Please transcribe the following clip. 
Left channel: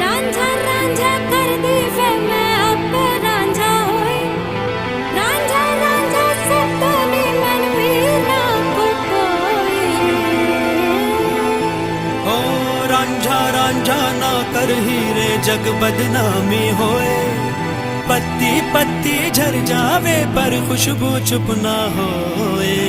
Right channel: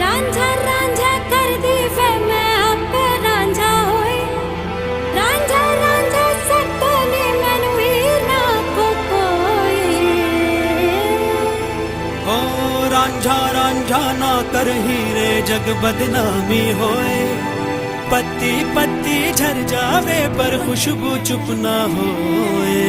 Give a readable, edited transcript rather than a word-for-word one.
रांझा रांझा कर दी वे मैं आपे रांझा होई रांझा रांझा सब ने मैनू ही ना को कोई हो रांझा रांझा ना कर हीरे जग बदनामी होए पत्ती पत्ती झर जावे पर खुशबू चुप ना होए।